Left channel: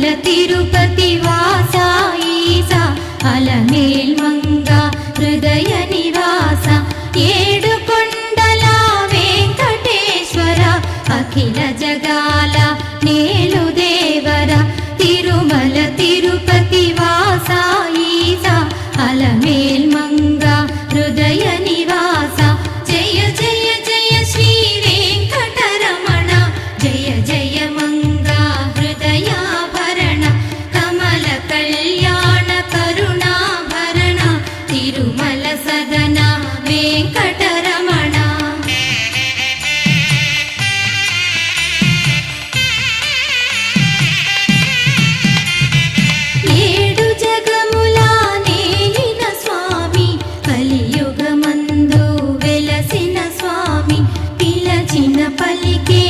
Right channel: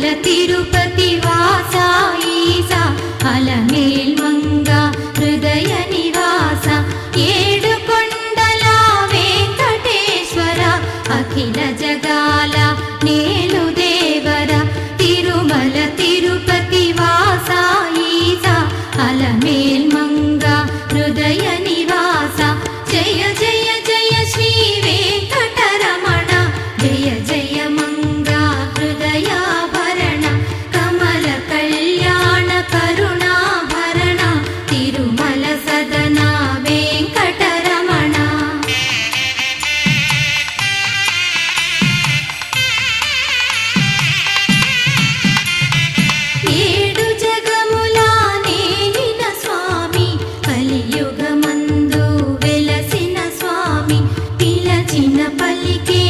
తిరుమల తిరుపతి వాసా ఈసా అలమేల్ మంగా హృదయ నివాస ఏడు కొండల వెంకటేశ్వర అఖిల జగాల నేలు దేవర తిరుమల తిరుపతి వాసా ఈసా అలమేల్ మంగా హృదయ నివాస జయ జయ జయ శ్రీ వెంకటరమణ జయ జయ మంగా హృదయాభరణ కమల కళ్యాణ కరుణాభరణ తిరుమల సదన వెంకటరమణ ఏడు జగముల నేలిన స్వామి కలియుగమందు వెలసిన స్వామి పిలచిన పలికే